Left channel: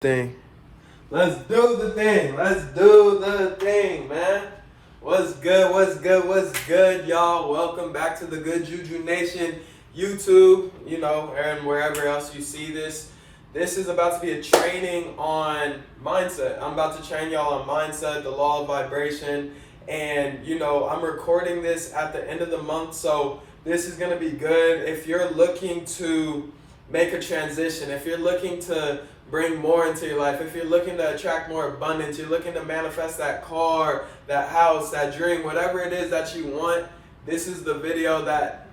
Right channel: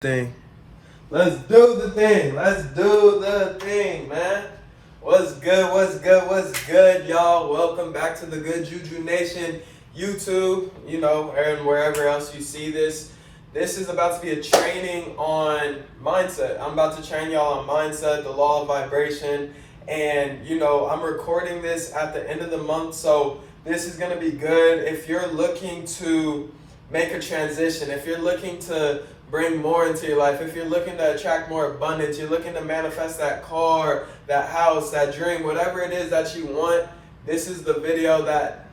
thing. Let's do the thing. Let's do the thing, man. What's good? What's good? What's good, y'all? Welcome back to the Good Juju Nation YouTube, and wherever else you see this. This is about to be a training on mindset. I'm about to train y'all on mindset, the law of vibration, and I'm recording this at the end of the month, so this is going to be good if you're looking to make a transition, if you're looking to bring more into your life, if you're looking to attract more abundance, you're looking to manifest that car, that house, that dream, whatever it is that you want. This is the video that,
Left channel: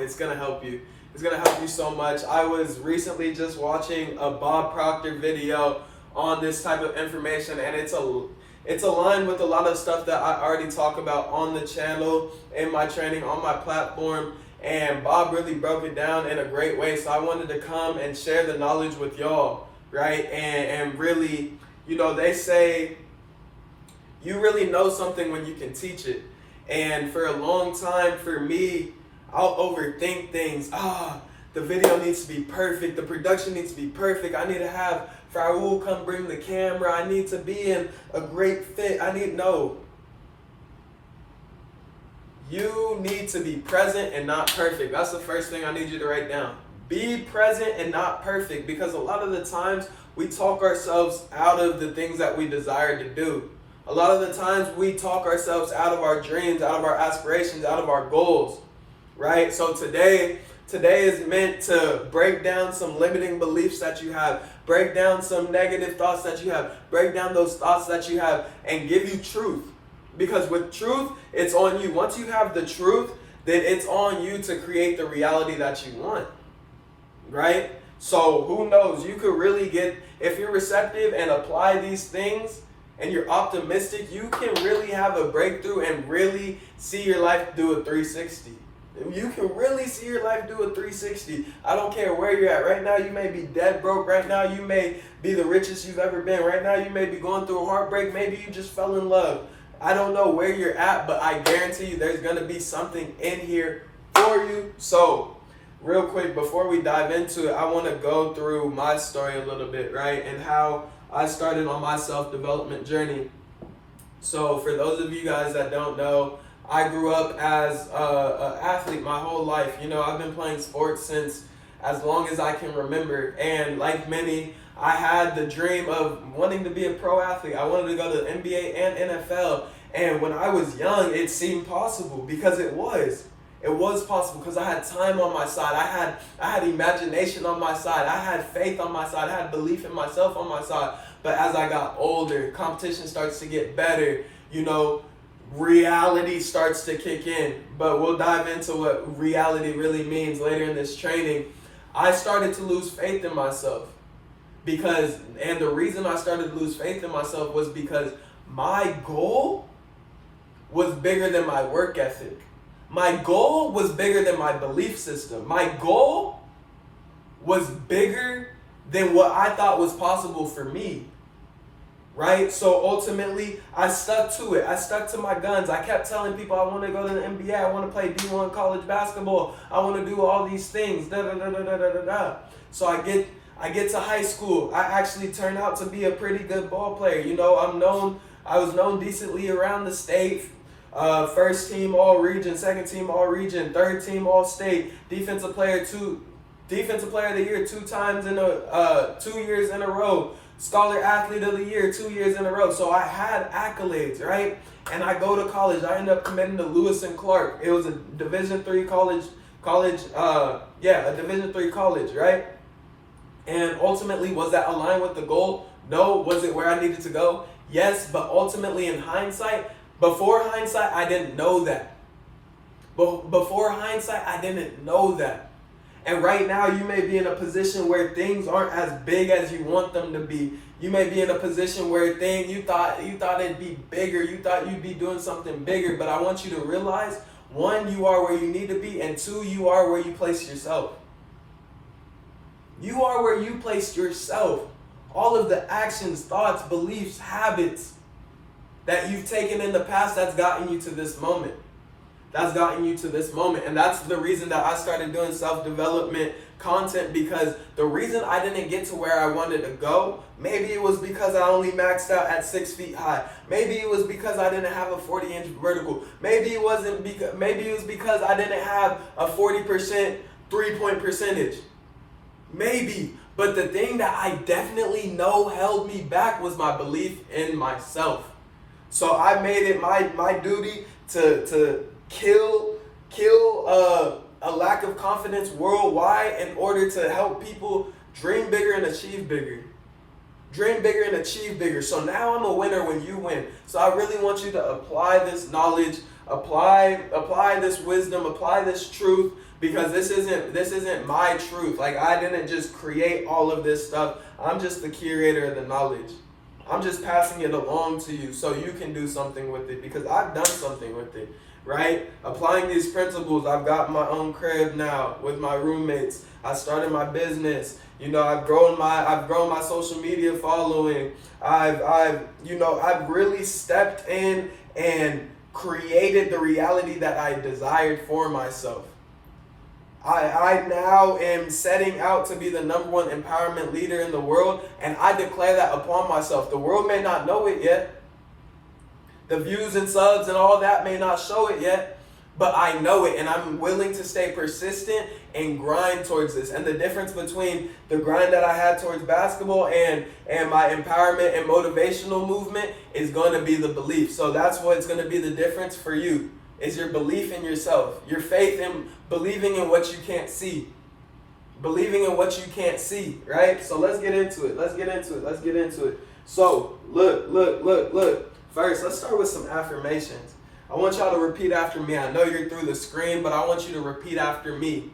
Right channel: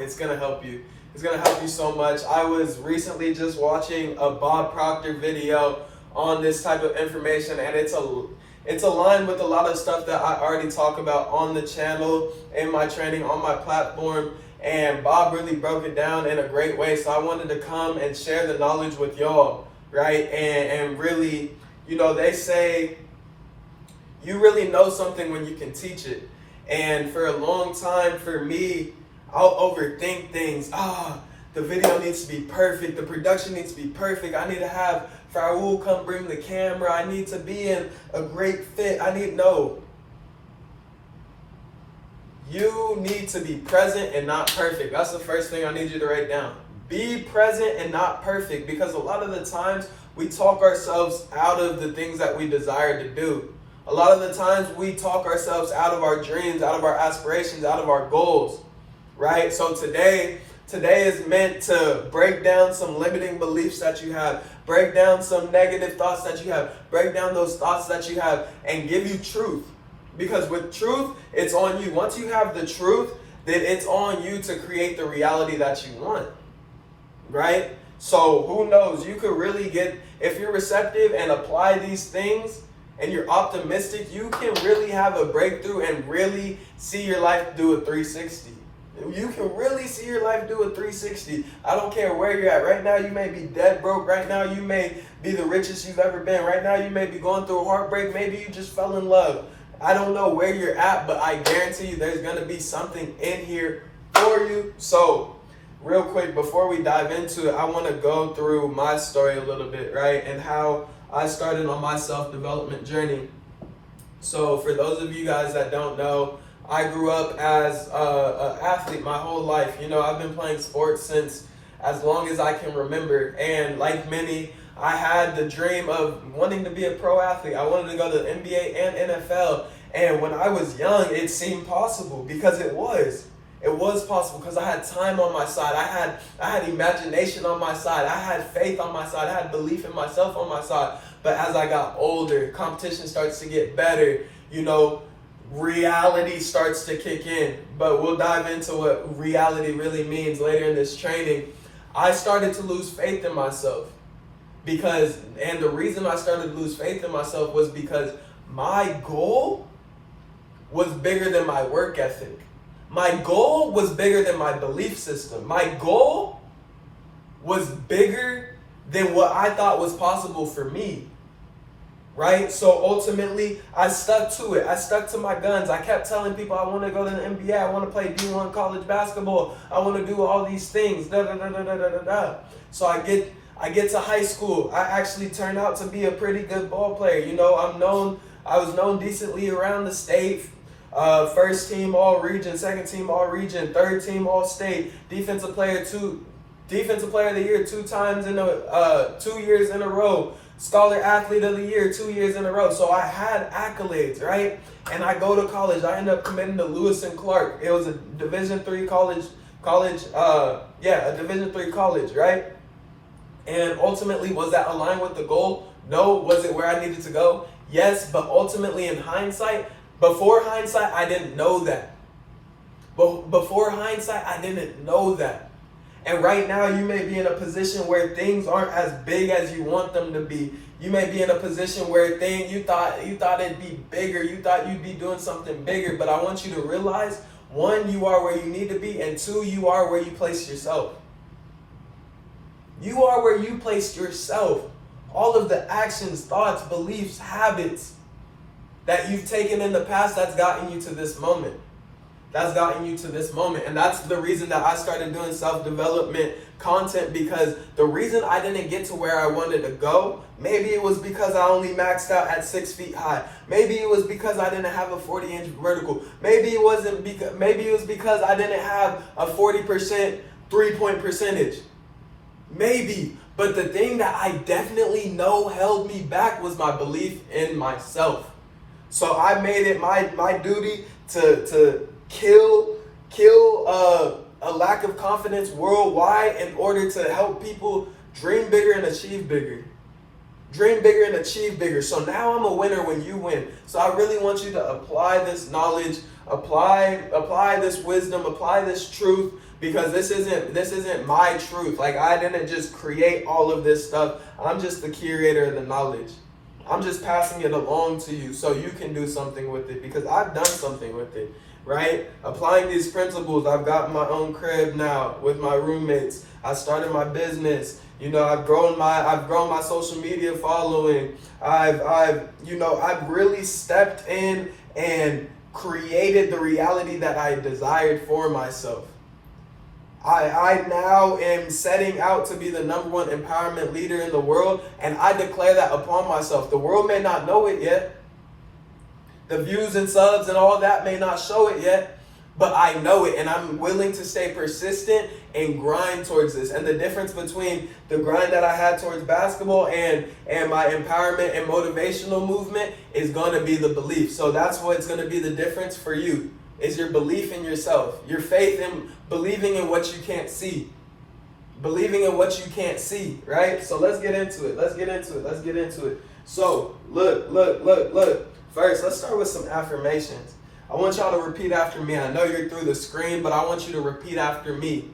it's going to help you. It's going to help you so much. I was recently just watching a Bob Proctor video on this type of information, and it's aligned with a lot of stuff that I already talk about on the channel, in my training, on my platform. And Bob really broke it down in a great way. So I wanted to come and share the knowledge with y'all, right? And really, they say you really know something when you can teach it. And for a long time, for me, I'll overthink things. The video needs to be perfect. The production needs to be perfect. I need to have Raul come bring the camera. I need to be in a great fit. You need to be present and not perfect. That's the first thing I need you to write down. Be present and not perfect, because a lot of the times we talk ourselves out of the things that we desire to do. A lot of the times we talk ourselves out of our dreams, out of our aspirations, out of our goals, right? So today is meant to break down some limiting beliefs that you have, break down some negative thoughts that you have, break down those thoughts that you have, and give you truth. Because with truth, it's on you. Once you have the truth, then it's on you to create the reality that you want, right? So who knows? You could really if you're receptive and apply these things and you're optimistic, you can really have a breakthrough and really see your life do a 360. You can really see your life do a 360. I don't care where you're at. Right now, you may be dead broke. Right now, you may be the richest you've ever been. Right now, you may be going through a heartbreak. Maybe you just fell in love. I don't know where you're at, but I guarantee you there's going to be something in here for you. So, real quick, before we dive into it, I want to go through my story a little bit, right? And how I started on my self-development journey. So, for those of you guys that don't know, I grew up as an athlete my whole life. I've been playing sports since as long as I can remember. And like many, I had the dream of wanting to be a pro athlete. I wanted to go to the NBA and NFL. And when I was young, it seemed possible, because it was. It was possible because I had time on my side. I had imagination on my side. I had faith on my side. I had belief in myself on my side. But as I got older, competition starts to get better. Reality starts to kick in. But we'll dive into what reality really means later in this training. I started to lose faith in myself. And the reason I started to lose faith in myself was because my goal was bigger than my work ethic. My goal was bigger than my belief system. My goal was bigger than what I thought was possible for me, right? So ultimately, I stuck to it. I stuck to my guns. I kept telling people I want to go to the NBA. I want to play D1 college basketball. I want to do all these things. So I get to high school. I actually turned out to be a pretty good ball player. I was known decently around the state. First team all region, second team all region, third team all state, defensive player of the year 2 times 2 years in a row, scholar athlete of the year 2 years in a row. So I had accolades, right? And I go to college. I end up committing to Lewis and Clark. It was a Division III college, a Division III college, right? And ultimately, was that aligned with the goal? No. Was it where I needed to go? Yes, but ultimately in hindsight, before hindsight, I didn't know that. Before hindsight, I didn't know that. And right now, you may be in a position where things aren't as big as you want them to be. You may be in a position where you thought it'd be bigger. You thought you'd be doing something bigger. But I want you to realize, 1, you are where you need to be, and 2, you are where you place yourself. You are where you place yourself. All of the actions, thoughts, beliefs, habits that you've taken in the past, that's gotten you to this moment. And that's the reason that I started doing self-development content because the reason I didn't get to where I wanted to go, maybe it was because I only maxed out at 6 feet high. Maybe it was because I didn't have a 40-inch vertical. Maybe it was because I didn't have a 40% three-point percentage. Maybe. But the thing that I definitely know held me back was my belief in myself. So I made it my duty to kill a lack of confidence worldwide in order to help people dream bigger and achieve bigger. Dream bigger and achieve bigger. So now I'm a winner when you win. So I really want you to apply this knowledge, apply this wisdom, apply this truth, because this isn't my truth. Like, I didn't just create all of this stuff. I'm just the curator of the knowledge. I'm just passing it along to you so you can do something with it, because I've done something with it, right? Applying these principles. I've got my own crib now with my roommates. I started my business. You know, I've grown my social media following. I've really stepped in and created the reality that I desired for myself. I now am setting out to be the #1 empowerment leader in the world, and I declare that upon myself. The world may not know it yet. The views and subs and all that may not show it yet, but I know it, and I'm willing to stay persistent and grind towards this. And the difference between the grind that I had towards basketball and my empowerment and motivational movement is going to be the belief. So that's what's going to be the difference for you, is your belief in yourself, your faith in believing in what you can't see. Believing in what you can't see, right? So let's get into it. So look. First, let's start with some affirmations. I want y'all to repeat after me. I know you're through the screen, but I want you to repeat after me.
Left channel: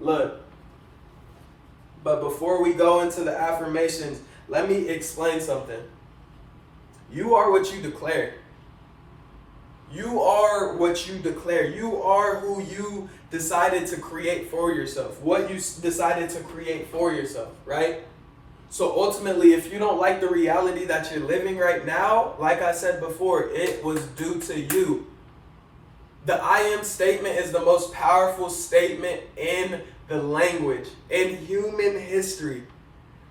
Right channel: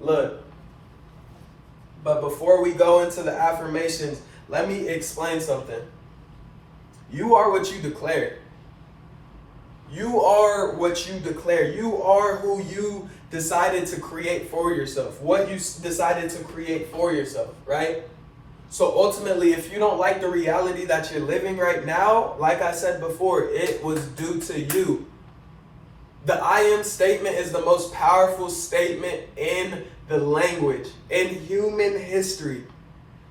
Look. But before we go into the affirmations, let me explain something. You are what you declare. You are what you declare. You are who you decided to create for yourself. What you decided to create for yourself, right? So ultimately, if you don't like the reality that you're living right now, like I said before, it was due to you. The I am statement is the most powerful statement in the language, in human history.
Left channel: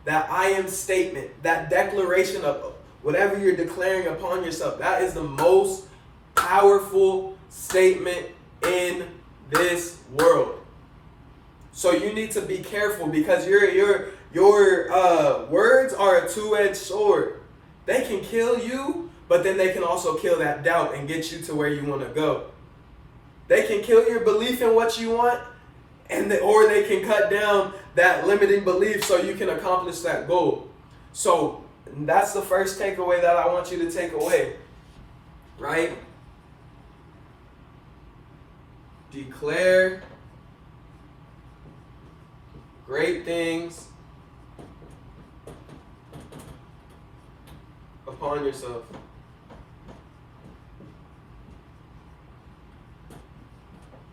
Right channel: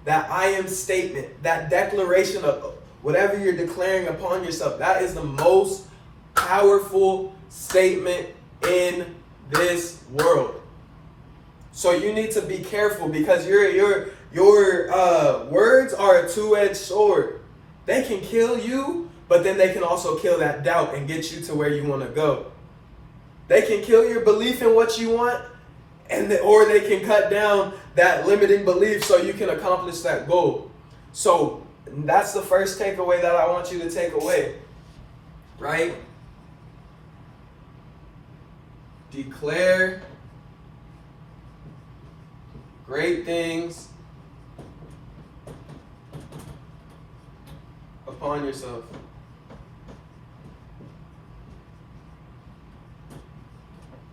That I am statement, that declaration of whatever you're declaring upon yourself, that is the most powerful statement in this world. So you need to be careful, because your words are a two-edged sword. They can kill you, but then they can also kill that doubt and get you to where you want to go. They can kill your belief in what you want, or they can cut down that limiting belief so you can accomplish that goal. So that's the first takeaway that I want you to take away, right? Declare great things upon yourself.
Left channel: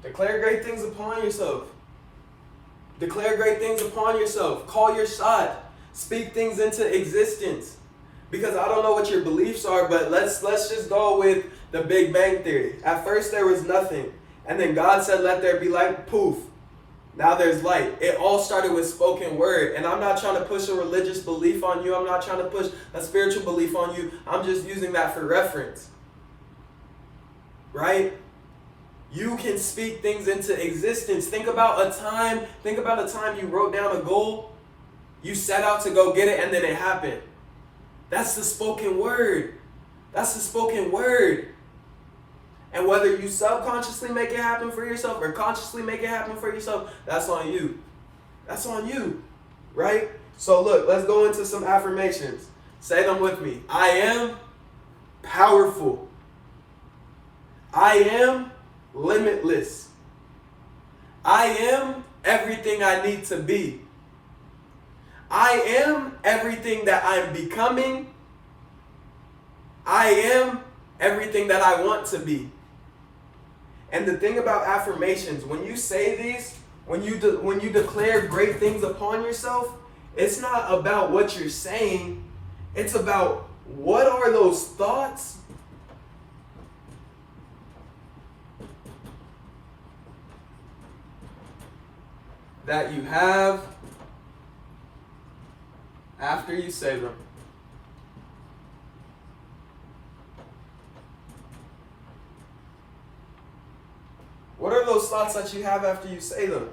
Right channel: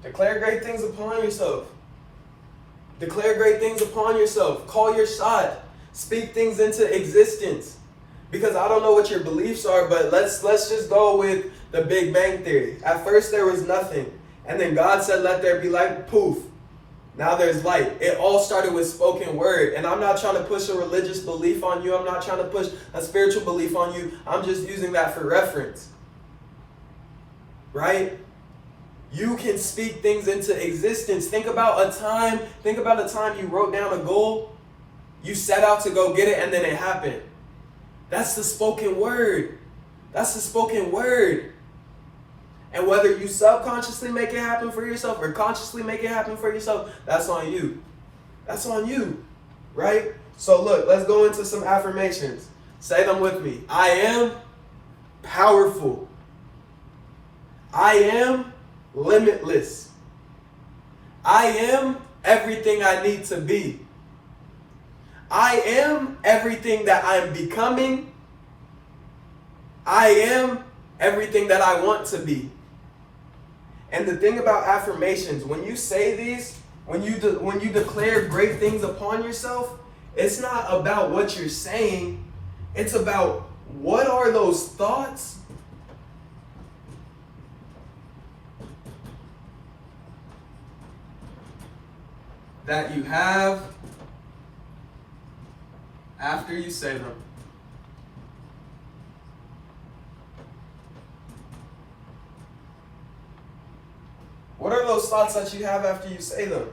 Declare great things upon yourself. Declare great things upon yourself. Call your shot. Speak things into existence. Because I don't know what your beliefs are, but let's just go with the Big Bang Theory. At first there was nothing. And then God said, let there be light. Poof. Now there's light. It all started with spoken word. And I'm not trying to push a religious belief on you. I'm not trying to push a spiritual belief on you. I'm just using that for reference. Right? You can speak things into existence. Think about a time you wrote down a goal. You set out to go get it, and then it happened. That's the spoken word. And whether you subconsciously make it happen for yourself or consciously make it happen for yourself, that's on you. Right? So look, let's go into some affirmations. Say them with me. I am powerful. I am limitless. I am everything I need to be. I am everything that I'm becoming. I am everything that I want to be. And the thing about affirmations, when you say these, when you declare great things upon yourself, it's not about what you're saying. It's about what are those thoughts that you have after you say them. What are those thoughts that you have after you say them?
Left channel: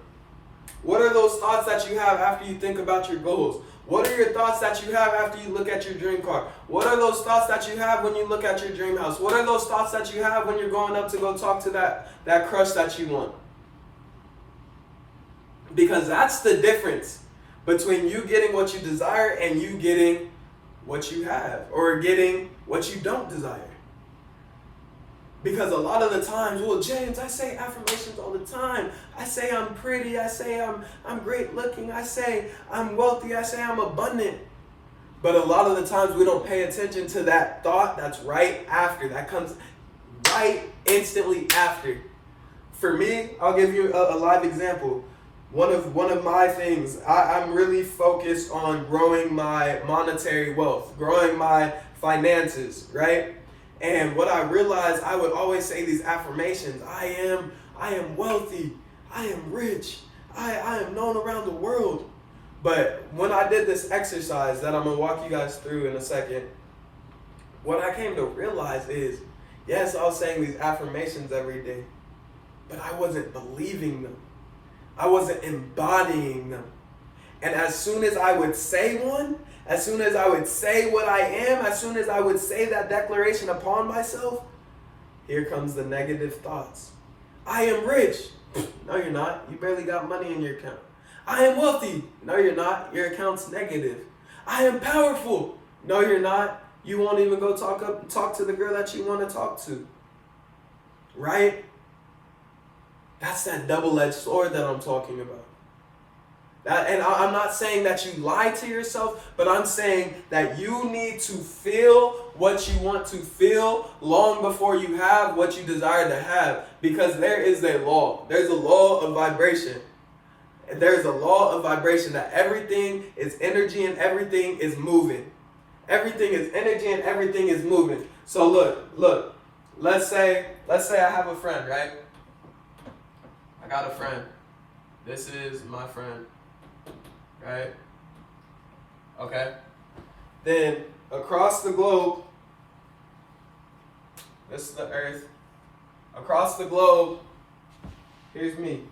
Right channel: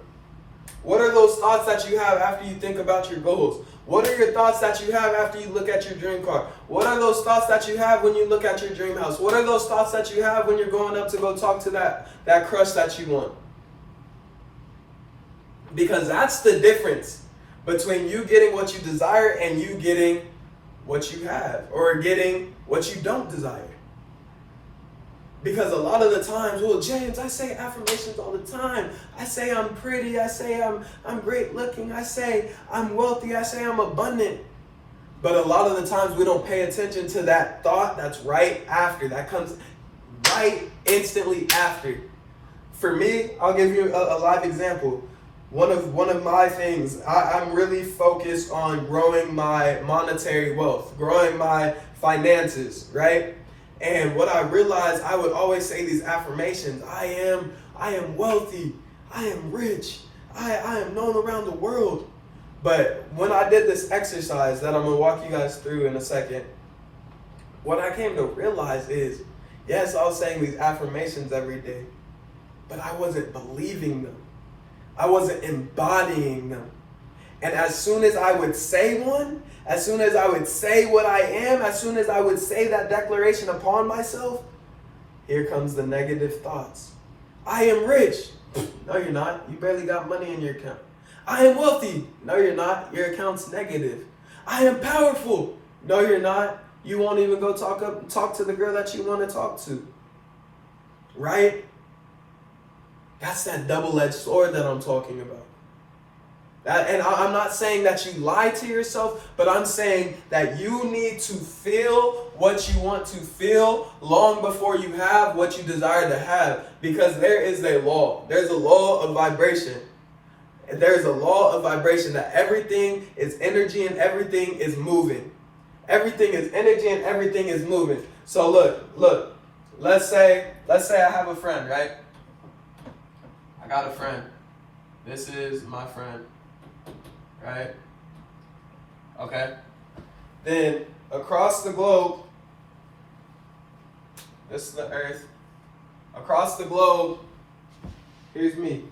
What are those thoughts that you have after you think about your goals? What are your thoughts that you have after you look at your dream car? What are those thoughts that you have when you look at your dream house? What are those thoughts that you have when you're going up to go talk to that crush that you want? Because that's the difference between you getting what you desire and you getting what you have, or getting what you don't desire. Because a lot of the times, well, James, I say affirmations all the time. I say I'm pretty. I say I'm great looking. I say I'm wealthy. I say I'm abundant. But a lot of the times we don't pay attention to that thought that's right after. That comes right instantly after. For me, I'll give you a live example. One of my things, I'm really focused on growing my monetary wealth, growing my finances, right? And what I realized, I would always say these affirmations. I am wealthy. I am rich. I am known around the world. But when I did this exercise that I'm going to walk you guys through in a second, what I came to realize is, yes, I was saying these affirmations every day, but I wasn't believing them. I wasn't embodying them. And as soon as I would say one, as soon as I would say what I am, as soon as I would say that declaration upon myself, here comes the negative thoughts. I am rich. No, you're not. You barely got money in your account. I am wealthy. No, you're not. Your account's negative. I am powerful. No, you're not. You won't even go talk to the girl that you want to talk to. Right? That's that double-edged sword that I'm talking about. And I'm not saying that you lie to yourself, but I'm saying that you need to feel what you want to feel long before you have what you desire to have. Because there is a law. There's a law of vibration. There's a law of vibration that everything is energy and everything is moving. Everything is energy and everything is moving. So look. Let's say I have a friend, right? I got a friend. This is my friend. Right? Okay. Then across the globe, this is the earth. Across the globe, here's me.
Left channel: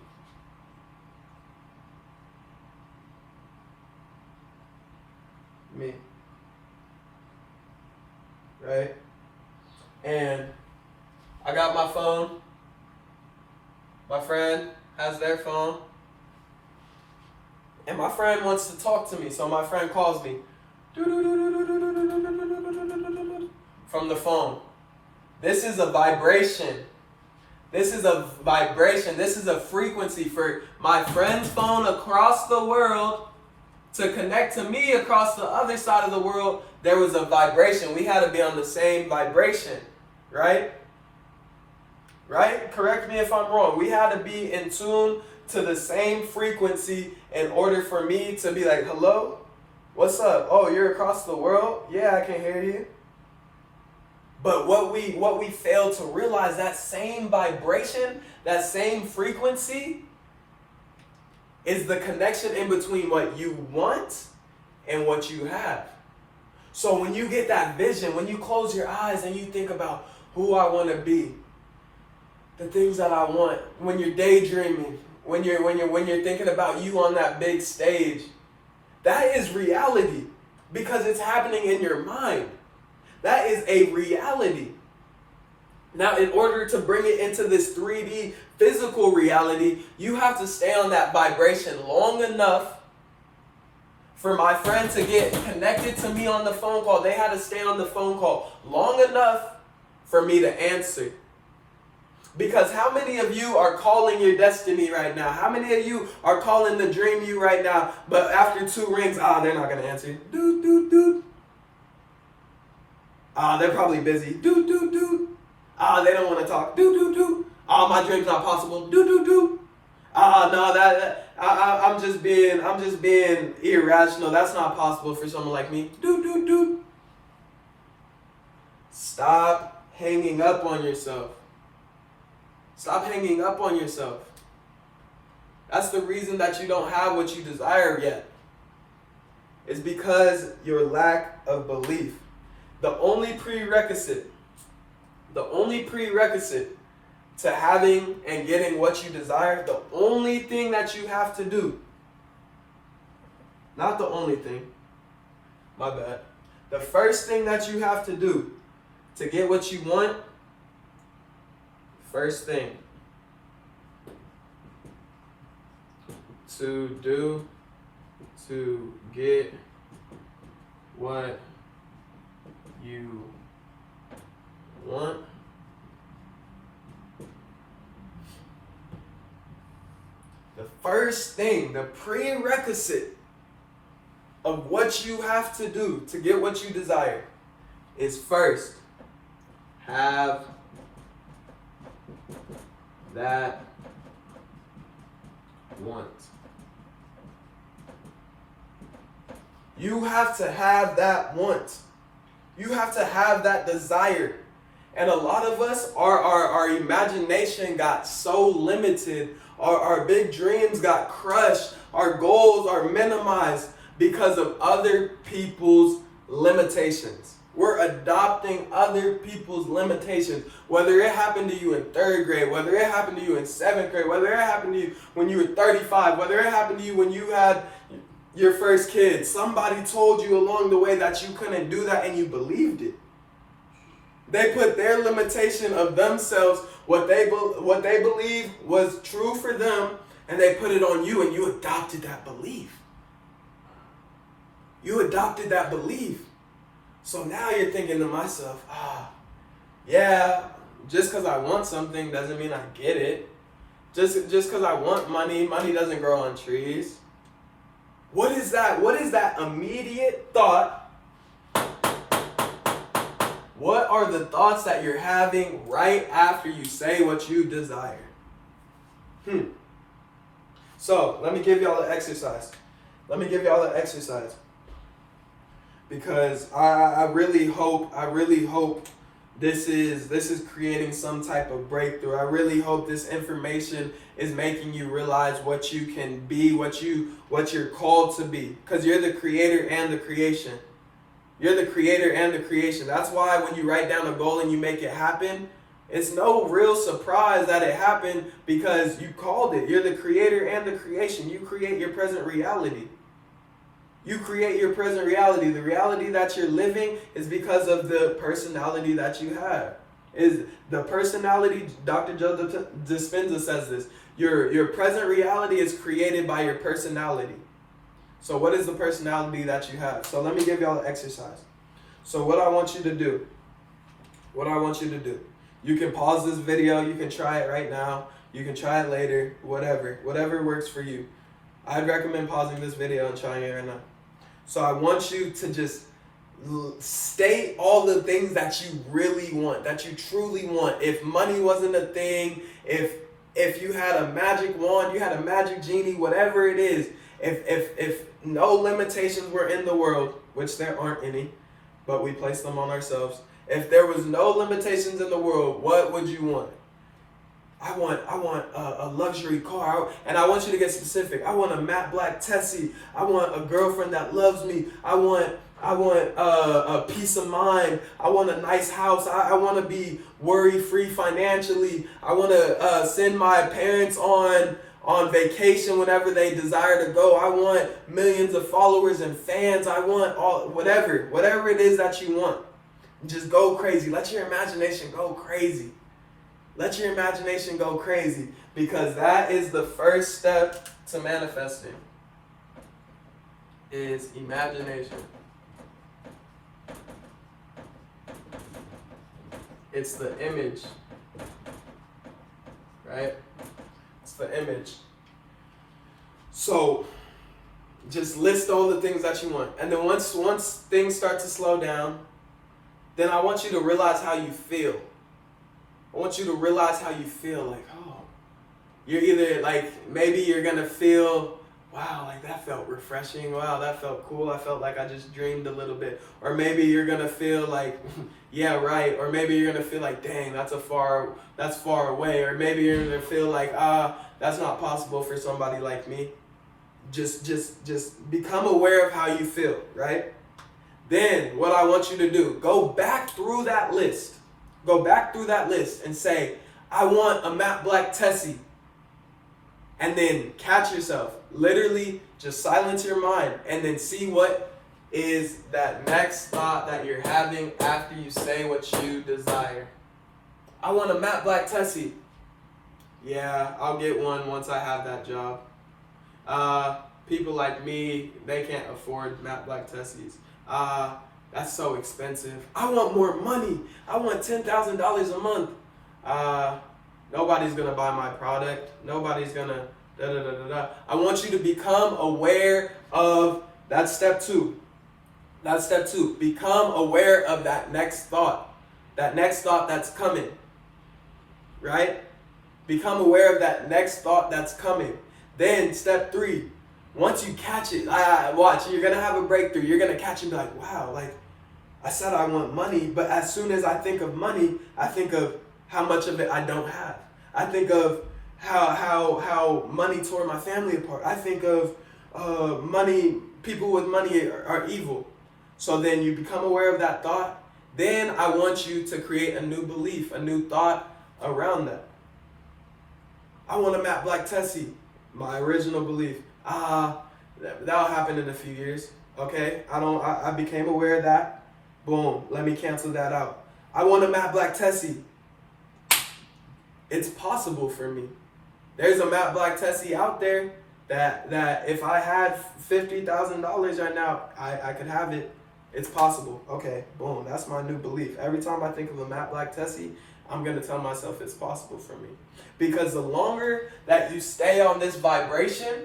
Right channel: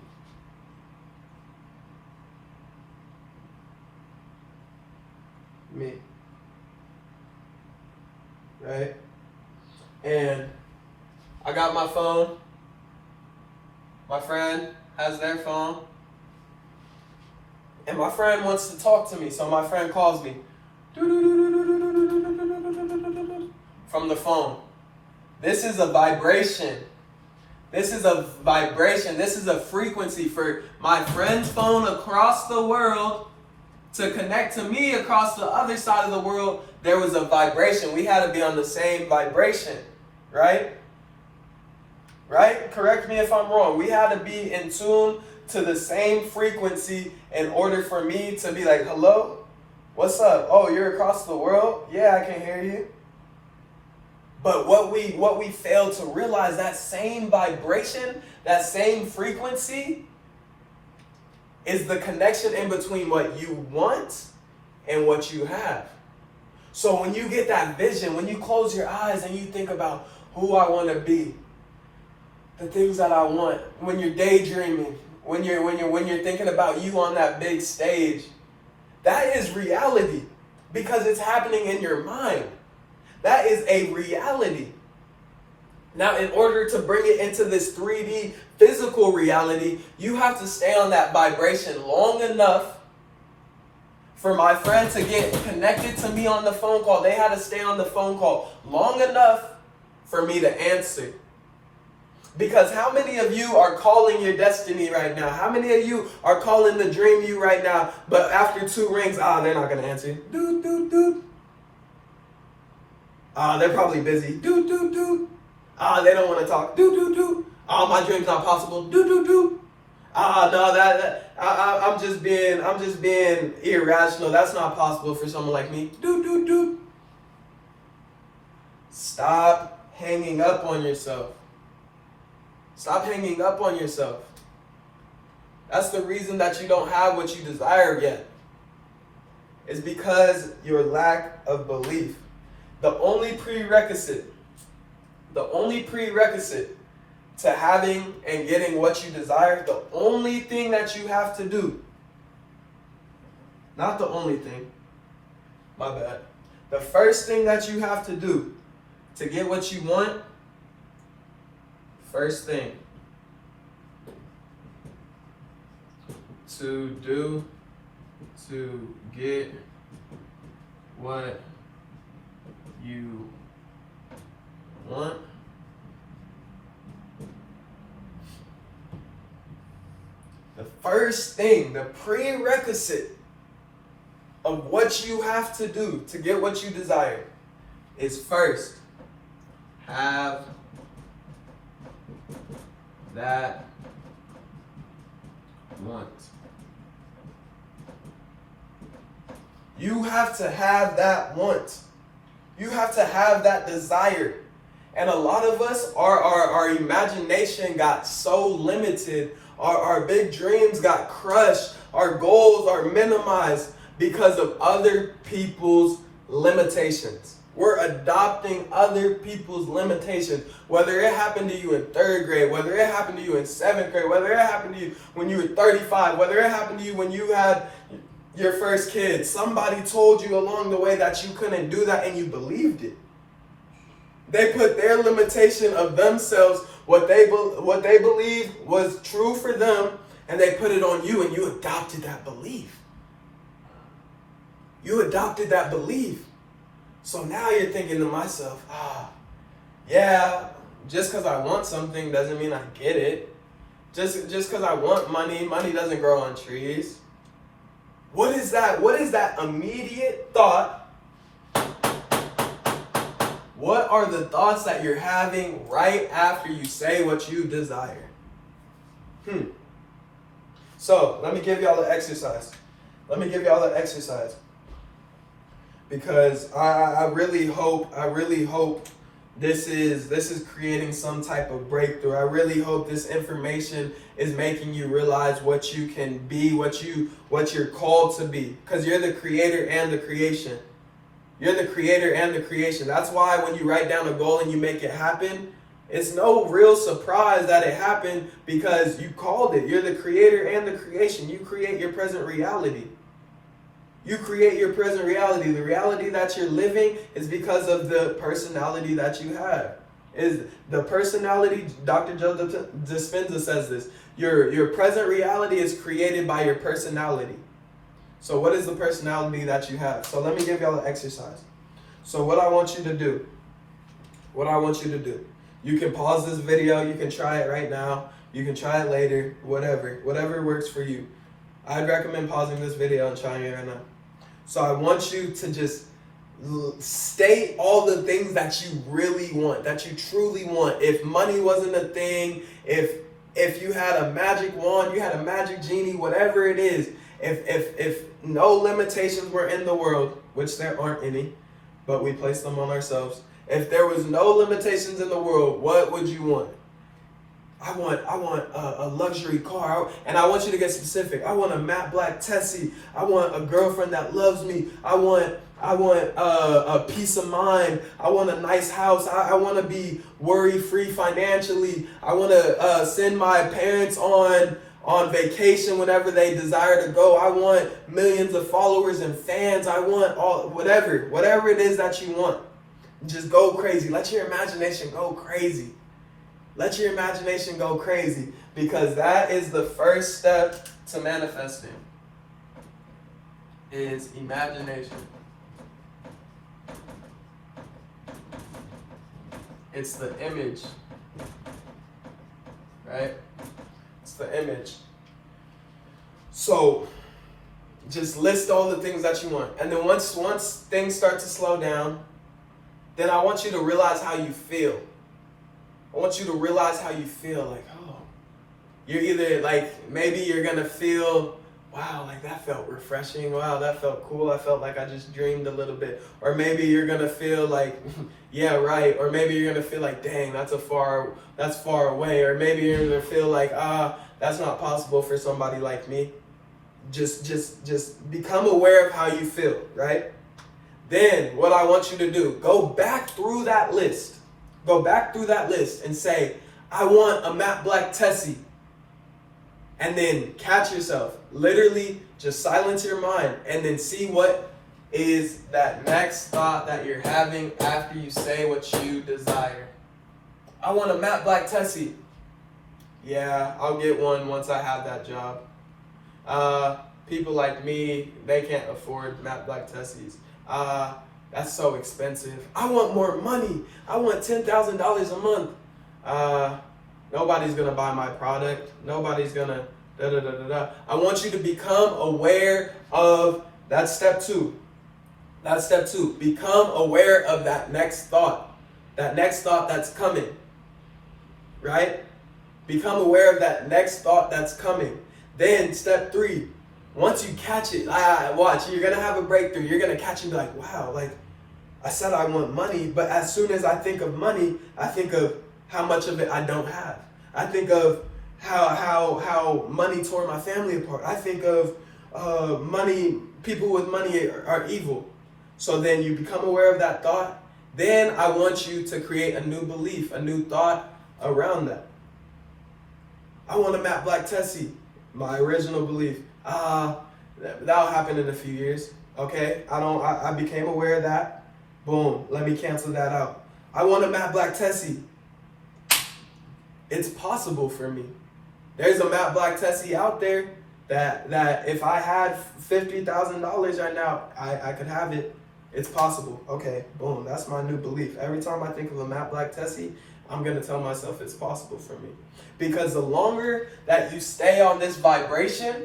Me. Right? And I got my phone. My friend has their phone. And my friend wants to talk to me, so my friend calls me from the phone. This is a vibration. This is a vibration. This is a frequency for my friend's phone across the world to connect to me across the other side of the world. There was a vibration. We had to be on the same vibration, right? Right? Correct me if I'm wrong. We had to be in tune to the same frequency in order for me to be like, hello? What's up? Oh, you're across the world? Yeah, I can hear you. But what we fail to realize, that same vibration, that same frequency is the connection in between what you want and what you have. So when you get that vision, when you close your eyes and you think about who I want to be, the things that I want, when you're daydreaming, when you're thinking about you on that big stage, that is reality because it's happening in your mind. That is a reality. Now, in order to bring it into this 3D physical reality, you have to stay on that vibration long enough for my friend to get connected to me on the phone call. They had to stay on the phone call long enough for me to answer. Because how many of you are calling your destiny right now? How many of you are calling the dream you right now, but after 2 rings, they're not going to answer. Doot, doot, doot. They're probably busy. Doot, doot, doot. They don't want to talk. Doot, doot, doot. My dream's not possible. Doot, doot, doot. No, I'm just being irrational. That's not possible for someone like me. Doot, doot, doot. Stop hanging up on yourself. Stop hanging up on yourself. That's the reason that you don't have what you desire yet. It's because your lack of belief. The only prerequisite to having and getting what you desire, the only thing that you have to do, not the only thing, my bad. The first thing that you have to do to get what you want, first thing to do to get what you want, the first thing, the prerequisite of what you have to do to get what you desire is first have that want. You have to have that want. You have to have that desire. And a lot of us, our imagination got so limited. Our big dreams got crushed. Our goals are minimized because of other people's limitations. We're adopting other people's limitations. Whether it happened to you in 3rd grade, whether it happened to you in 7th grade, whether it happened to you when you were 35, whether it happened to you when you had your first kid. Somebody told you along the way that you couldn't do that and you believed it. They put their limitation of themselves, what they believe was true for them, and they put it on you, and you adopted that belief. You adopted that belief. So now you're thinking to myself, yeah, just because I want something doesn't mean I get it. Just because I want money doesn't grow on trees. What is that? What is that immediate thought? What are the thoughts that you're having right after you say what you desire? So, let me give y'all the exercise. Because I really hope this is creating some type of breakthrough. I really hope this information is making you realize what you can be, what you're called to be. Because you're the creator and the creation. You're the creator and the creation. That's why when you write down a goal and you make it happen, it's no real surprise that it happened because you called it. You're the creator and the creation. You create your present reality. You create your present reality. The reality that you're living is because of the personality that you have. Is the personality, Dr. Joe Dispenza says this, your present reality is created by your personality. So what is the personality that you have? So let me give y'all an exercise. So what I want you to do, you can pause this video, you can try it right now, you can try it later, whatever works for you. I'd recommend pausing this video and trying it right now. So I want you to just state all the things that you really want, that you truly want. If money wasn't a thing, if you had a magic wand, you had a magic genie, whatever it is, if no limitations were in the world, which there aren't any, but we place them on ourselves. If there was no limitations in the world, what would you want? I want a luxury car, and I want you to get specific. I want a matte black Tessie. I want a girlfriend that loves me. I want a peace of mind. I want a nice house. I want to be worry-free financially. I want to send my parents on vacation whenever they desire to go. I want millions of followers and fans. I want whatever it is that you want. Just go crazy. Let your imagination go crazy. Let your imagination go crazy, because that is the first step to manifesting, is imagination. It's the image, right? It's the image. So just list all the things that you want. And then once things start to slow down, then I want you to realize how you feel. I want you to realize how you feel. Like, oh, you're either like, maybe you're going to feel, wow, like that felt refreshing. Wow, that felt cool. I felt like I just dreamed a little bit. Or maybe you're gonna feel like, yeah, right. Or maybe you're gonna feel like, dang, that's far away. Or maybe you're gonna feel like, that's not possible for somebody like me. Just become aware of how you feel, right? Then what I want you to do, go back through that list. Go back through that list and say, I want a matte black Tessie. And then catch yourself. Literally just silence your mind and then see what is that next thought that you're having after you say what you desire. I want a matte black Tessie. Yeah, I'll get one once I have that job. People like me, they can't afford matte black Tessies. That's so expensive. I want more money. I want $10,000 a month. Nobody's gonna buy my product. Nobody's gonna I want you to become aware of, that's step 2. That's step 2. Become aware of that next thought. That next thought that's coming. Right? Become aware of that next thought that's coming. Then step 3. Once you catch it, watch, you're gonna have a breakthrough. You're gonna catch it and be like, wow, like I said I want money, but as soon as I think of money, I think of how much of it I don't have. I think of how money tore my family apart. I think of money, people with money are evil. So then you become aware of that thought. Then I want you to create a new belief, a new thought around that. I want a matte black Tessie. My original belief. That'll happen in a few years. Okay? I became aware of that. Boom. Let me cancel that out. I want a matte black Tessie. It's possible for me. There's a matte black Tessie out there that if I had $50,000 right now, I could have it. It's possible. Okay, boom. That's my new belief. Every time I think of a matte black Tessie, I'm going to tell myself it's possible for me. Because the longer that you stay on this vibration,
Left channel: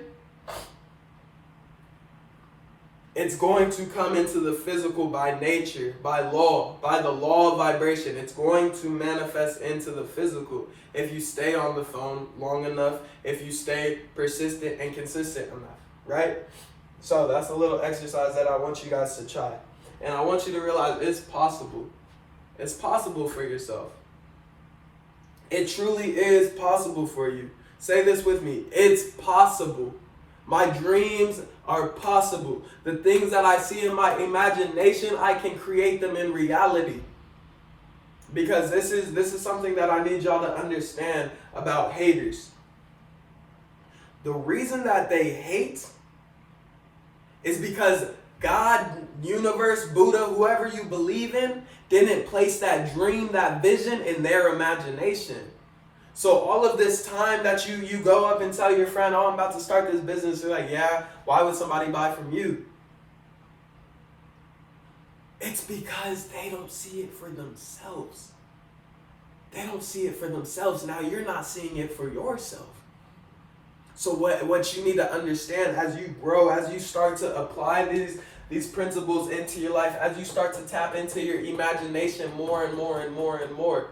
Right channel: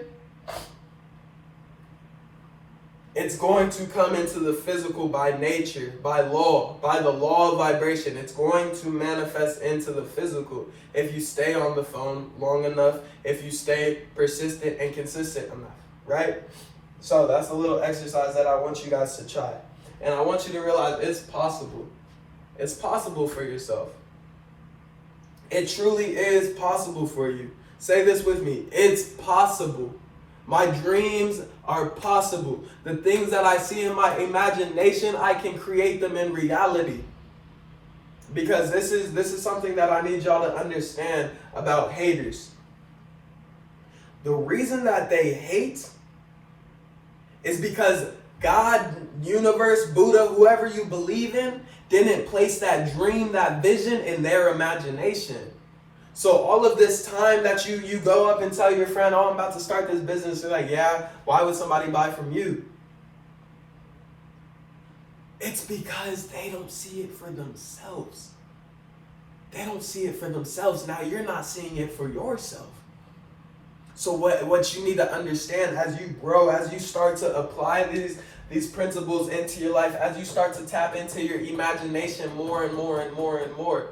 it's going to come into the physical by nature, by the law of vibration. It's going to manifest into the physical if you stay on the phone long enough, if you stay persistent and consistent enough, right? So that's a little exercise that I want you guys to try. And I want you to realize it's possible. It's possible for yourself. It truly is possible for you. Say this with me. It's possible. My dreams are possible. The things that I see in my imagination, I can create them in reality. Because this is something that I need y'all to understand about haters. The reason that they hate is because God, universe, Buddha, whoever you believe in, didn't place that dream, that vision in their imagination. So all of this time that you go up and tell your friend, oh, I'm about to start this business, they're like, yeah, why would somebody buy from you? It's because they don't see it for themselves. They don't see it for themselves. Now you're not seeing it for yourself. So what you need to understand as you grow, as you start to apply these principles into your life, as you start to tap into your imagination more and more and more and more,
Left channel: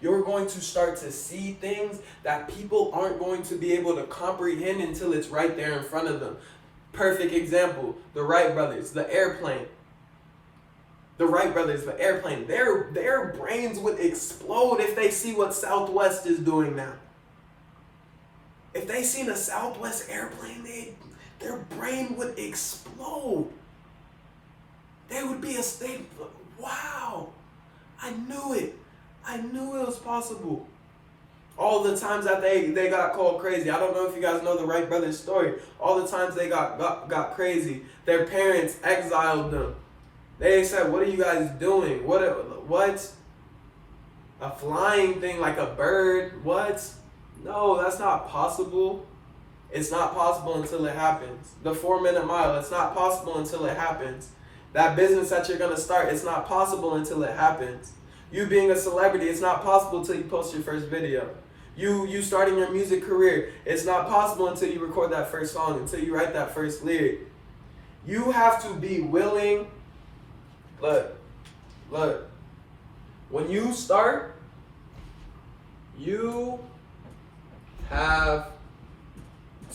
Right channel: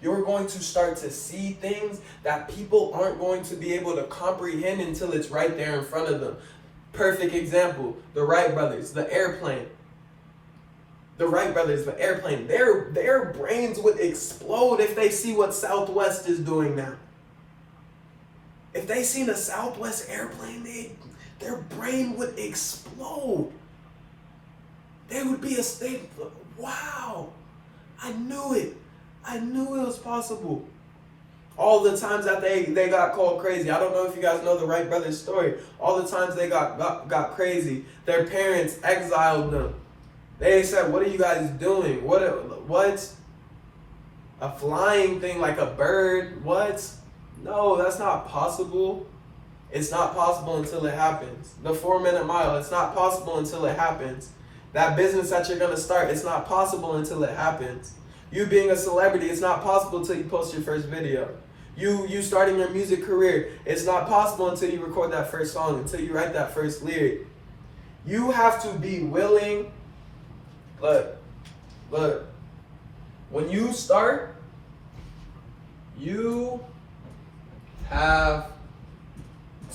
you're going to start to see things that people aren't going to be able to comprehend until it's right there in front of them. Perfect example, the Wright brothers, the airplane. The Wright brothers, the airplane, their brains would explode if they see what Southwest is doing now. If they seen a Southwest airplane, their brain would explode. They would be a state, wow, I knew it. I knew it was possible. All the times that they got called crazy. I don't know if you guys know the Wright brothers story. All the times they got crazy. Their parents exiled them. They said, what are you guys doing? What? A flying thing like a bird? What? No, that's not possible. It's not possible until it happens. The 4-minute mile, it's not possible until it happens. That business that you're going to start, it's not possible until it happens. You being a celebrity, it's not possible until you post your first video. You starting your music career, it's not possible until you record that first song, until you write that first lyric. You have to be willing. Look. When you start, you have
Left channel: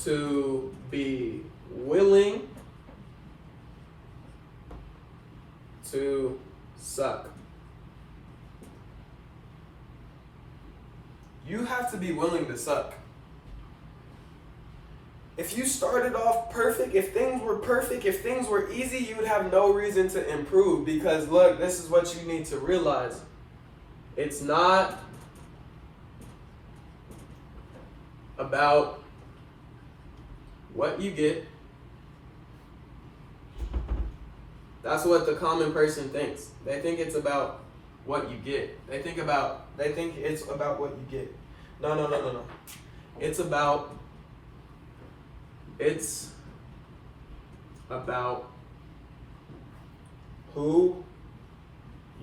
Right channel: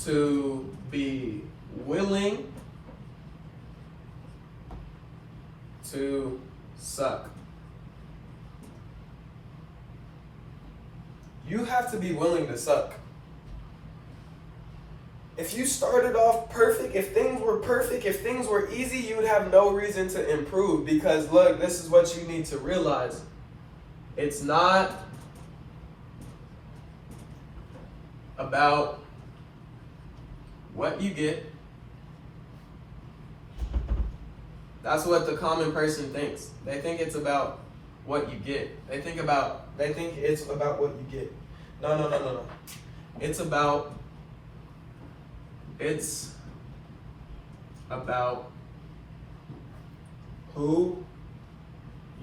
to be willing to suck. You have to be willing to suck. If you started off perfect, if things were perfect, if things were easy, you would have no reason to improve. Because look, this is what you need to realize. It's not about what you get. That's what the common person thinks. They think it's about what you get. They think it's about what you get. No. It's about who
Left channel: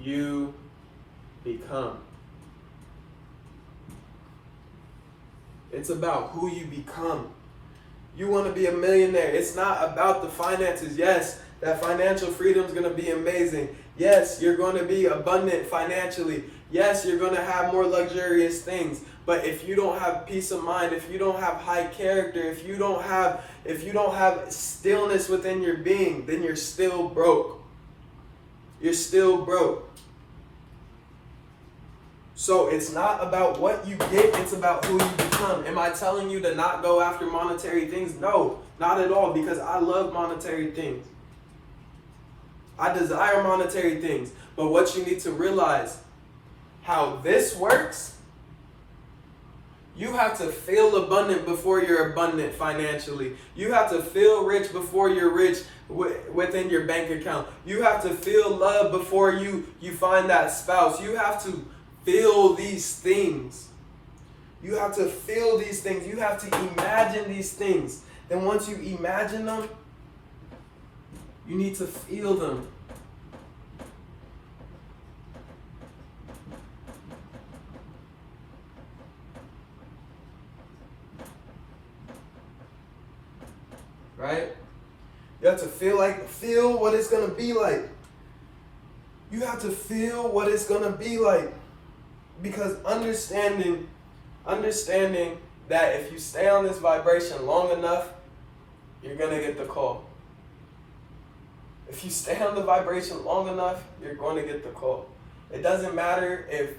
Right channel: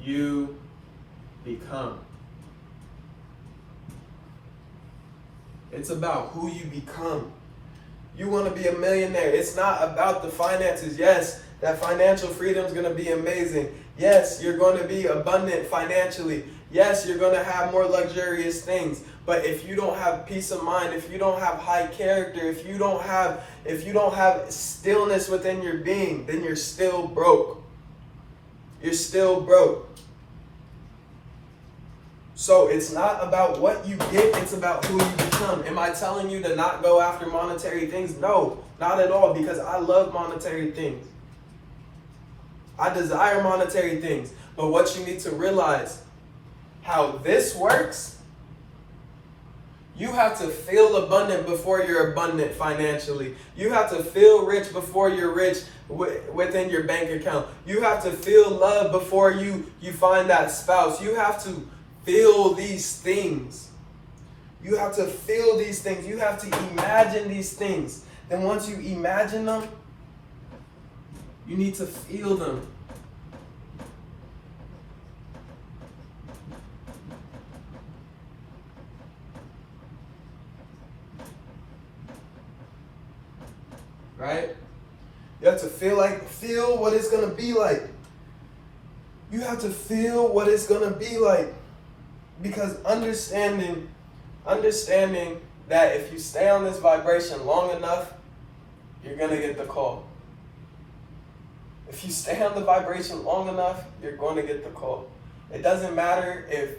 you become. It's about who you become. You want to be a millionaire. It's not about the finances. Yes, that financial freedom is going to be amazing. Yes, you're going to be abundant financially. Yes, you're going to have more luxurious things. But if you don't have peace of mind, if you don't have high character, if you don't have stillness within your being, then you're still broke. You're still broke. So it's not about what you get, it's about who you become. Am I telling you to not go after monetary things? No, not at all, because I love monetary things. I desire monetary things. But what you need to realize, how this works, you have to feel abundant before you're abundant financially. You have to feel rich before you're rich within your bank account. You have to feel love before you find that spouse. You have to feel these things. You have to feel these things. You have to imagine these things. Then once you imagine them, you need to feel them. Right? You have to feel what it's going to be like. You have to feel what it's going to be like. Because understanding that if you stay on this vibration long enough, you're going to get the call. If you stay on the vibration long enough, you're going to get the call. It doesn't matter if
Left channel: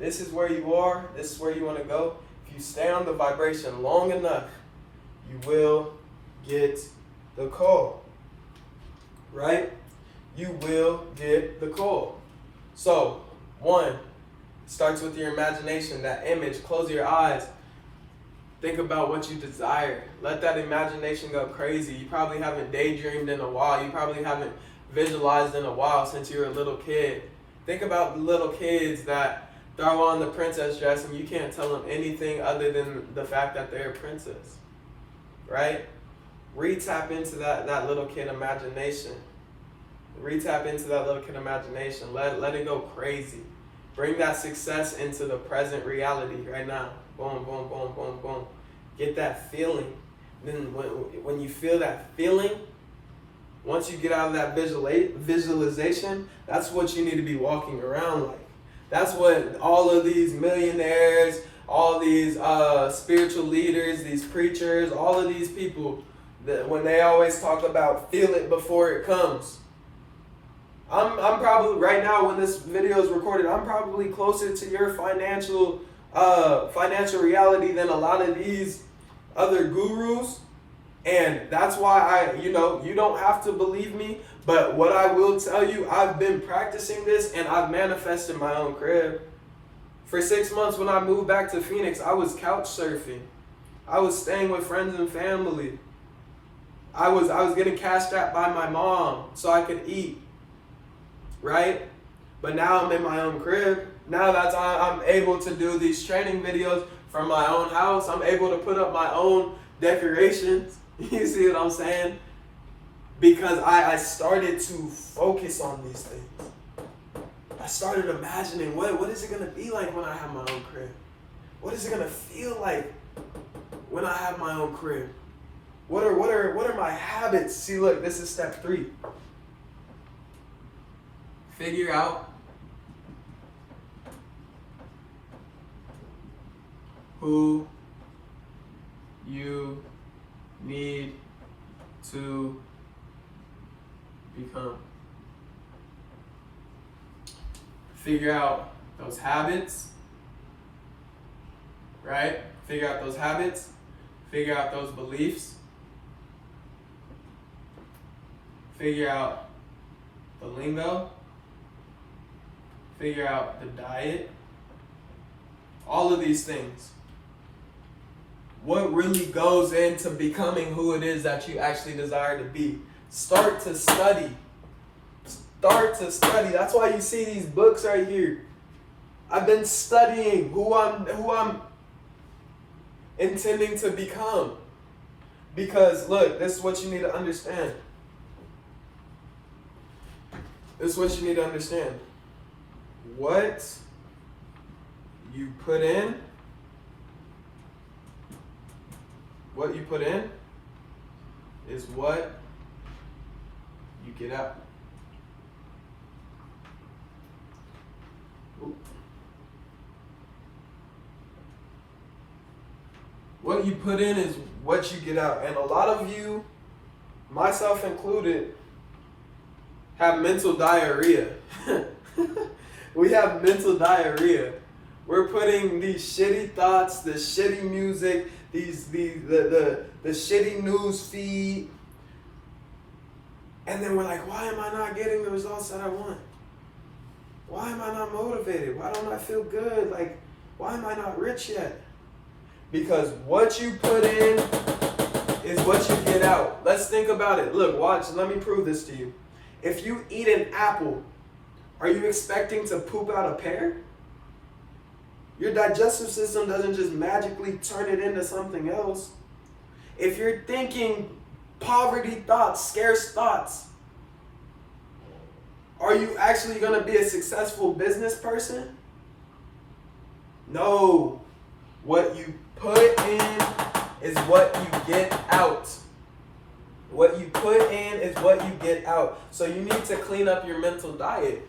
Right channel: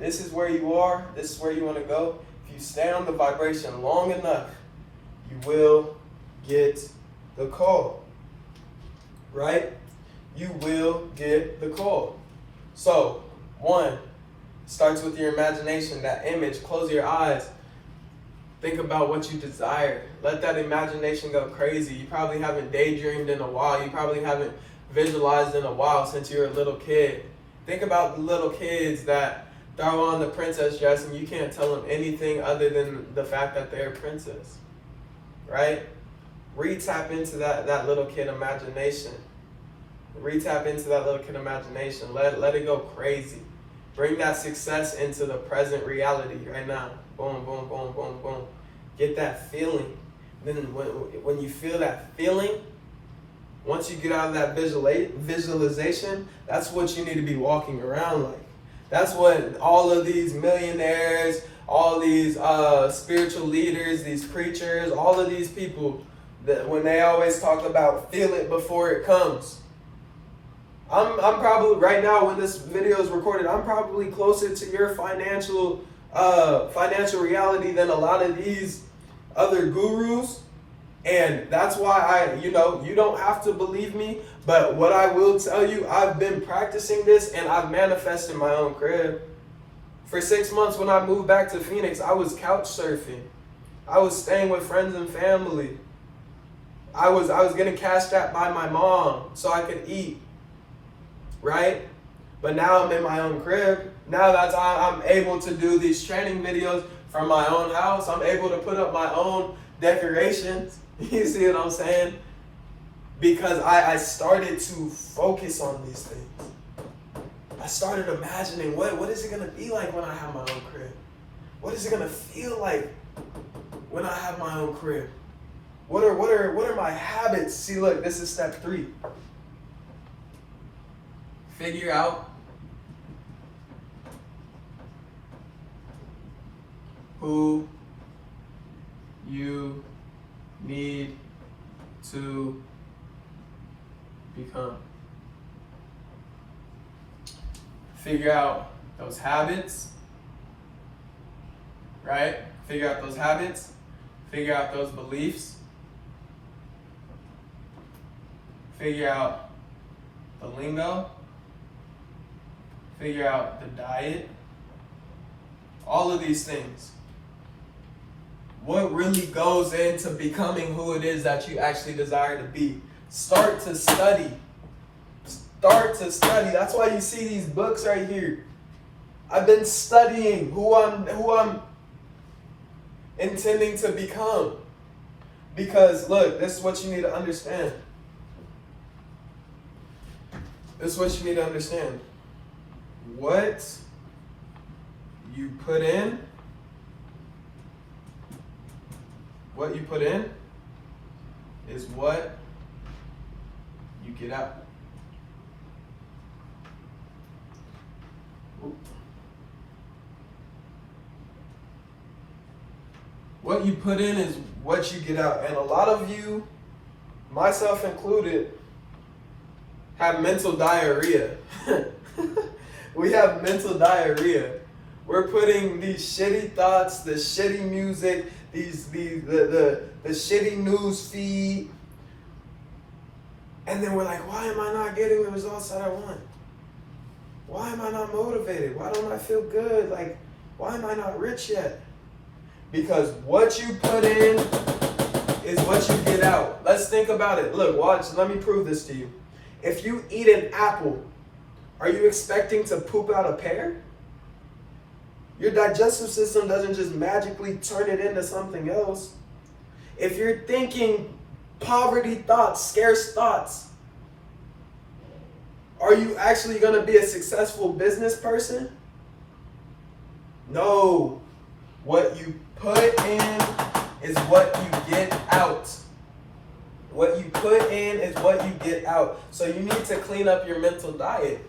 this is where you are, this is where you want to go. If you stay on the vibration long enough, you will get the call. Right? You will get the call. So, 1, starts with your imagination, that image. Close your eyes. Think about what you desire. Let that imagination go crazy. You probably haven't daydreamed in a while. You probably haven't visualized in a while since you were a little kid. Think about the little kids that throw on the princess dress and you can't tell them anything other than the fact that they're a princess. Right? Re-tap into that little kid imagination. Re-tap into that little kid imagination. Let it go crazy. Bring that success into the present reality right now. Boom, boom, boom, boom, boom. Get that feeling. Then when you feel that feeling, once you get out of that visualization, that's what you need to be walking around like. That's what all of these millionaires, all these spiritual leaders, these preachers, all of these people, that when they always talk about feel it before it comes. I'm probably, right now when this video is recorded, I'm probably closer to your financial reality than a lot of these other gurus. And that's why you don't have to believe me, but what I will tell you, I've been practicing this and I've manifested my own crib. For 6 months when I moved back to Phoenix, I was couch surfing. I was staying with friends and family. I was getting cash strapped by my mom so I could eat. Right? But now I'm in my own crib. Now that's how I'm able to do these training videos from my own house. I'm able to put up my own decorations. You see what I'm saying? Because I started to focus on these things. I started imagining what is it going to be like when I have my own crib? What is it going to feel like when I have my own crib? What are my habits? See, look, this is step 3. Figure out who you need to become. Figure out those habits, right? Figure out those habits, figure out those beliefs, figure out the lingo, figure out the diet, all of these things. What really goes into becoming who it is that you actually desire to be? Start to study. Start to study. That's why you see these books right here. I've been studying who I'm intending to become. Because look, this is what you need to understand. This is what you need to understand. What you put in, is what you get out. What you put in is what you get out. And a lot of you, myself included, have mental diarrhea. We have mental diarrhea. We're putting these shitty thoughts, the shitty music, the shitty news feed, and then we're like, why am I not getting the results that I want? Why am I not motivated? Why don't I feel good? Like, why am I not rich yet? Because what you put in is what you get out. Let's think about it. Look, watch, let me prove this to you. If you eat an apple, are you expecting to poop out a pear? Your digestive system doesn't just magically turn it into something else. If you're thinking poverty thoughts, scarce thoughts, are you actually going to be a successful business person? No. What you put in is what you get out. What you put in is what you get out. So you need to clean up your mental diet.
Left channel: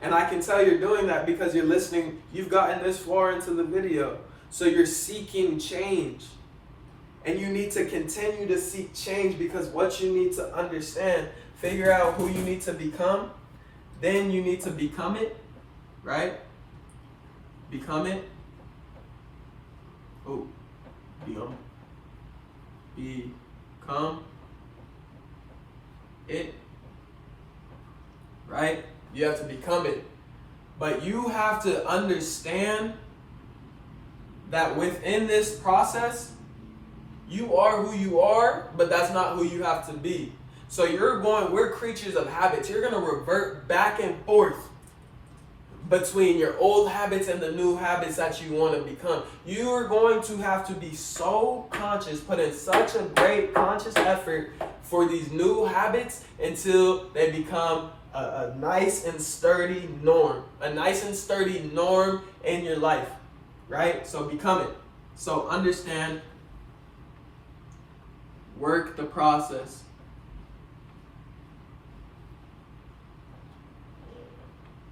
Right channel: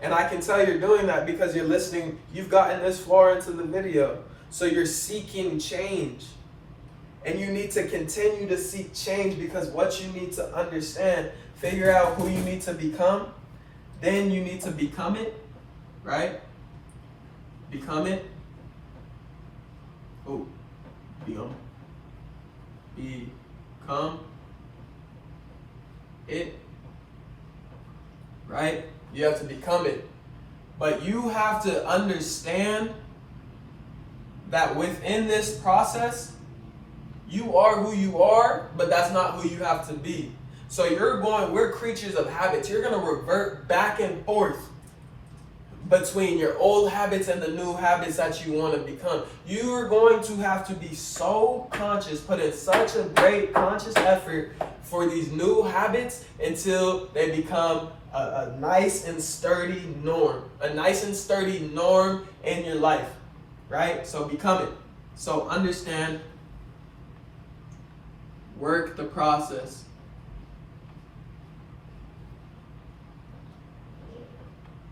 And I can tell you're doing that because you're listening. You've gotten this far into the video. So you're seeking change. And you need to continue to seek change because what you need to understand, figure out who you need to become. Then you need to become it, right? Become it. Oh, become it, right? You have to become it. But you have to understand that within this process, you are who you are, but that's not who you have to be. So we're creatures of habits. You're going to revert back and forth between your old habits and the new habits that you want to become. You're going to have to be so conscious, put in such a great conscious effort for these new habits until they become a nice and sturdy norm. A nice and sturdy norm in your life, right? So become it. So understand, work the process.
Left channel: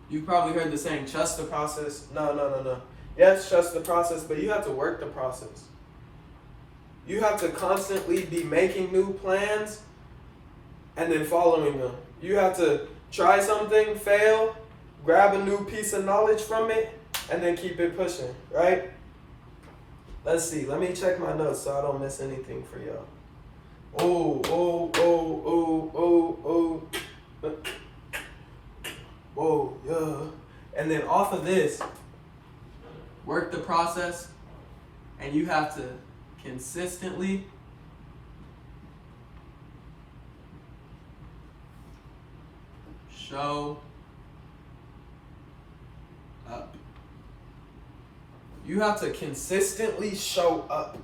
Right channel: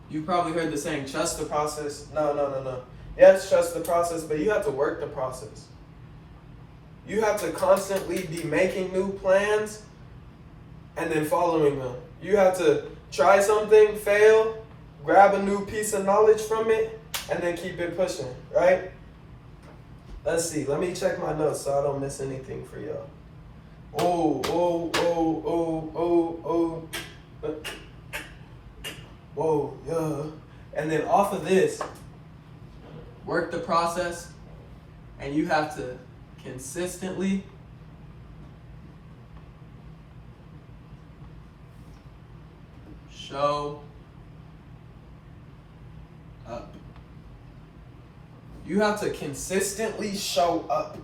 You've probably heard the saying, trust the process. No. Yes, trust the process, but you have to work the process. You have to constantly be making new plans and then following them. You have to try something, fail, grab a new piece of knowledge from it, and then keep it pushing, right? Let's see. Let me check my notes so I don't miss anything for y'all. Whoa, yeah. And then off of this, work the process, and you have to consistently show up. You have to consistently show up.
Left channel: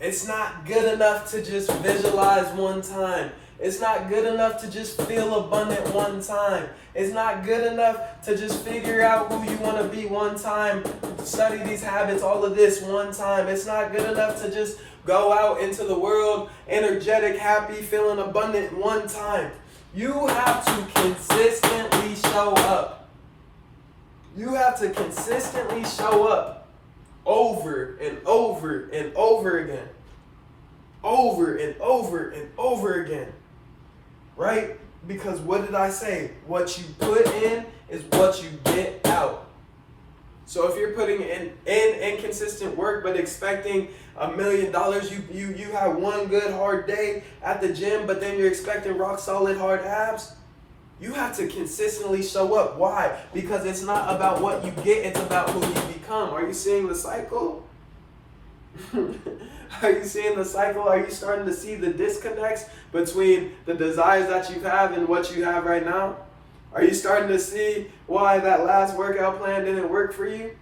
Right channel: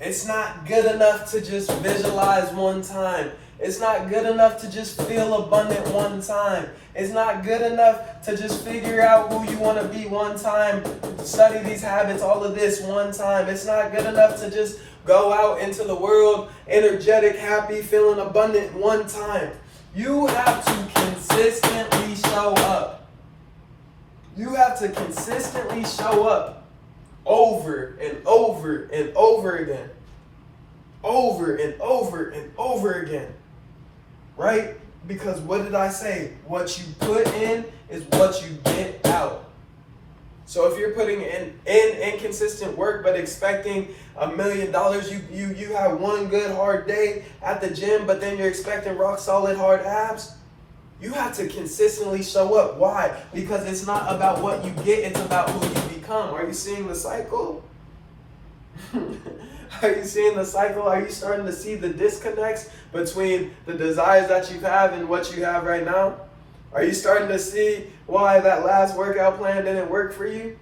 It's not good enough to just visualize one time. It's not good enough to just feel abundant one time. It's not good enough to just figure out who you want to be one time, study these habits, all of this one time. It's not good enough to just go out into the world energetic, happy, feeling abundant one time. You have to consistently show up. You have to consistently show up over and over and over again. over and over and over again, right? Because what did I say? What you put in is what you get out. So if you're putting in inconsistent work but expecting $1 million, you have one good hard day at the gym, but then you're expecting rock solid hard abs. You have to consistently show up. Why? Because it's not about what you get, it's about who you become. Are you seeing the cycle? Are you seeing the cycle? Are you starting to see the disconnects between the desires that you have and what you have right now? Are you starting to see why that last workout plan didn't work for you?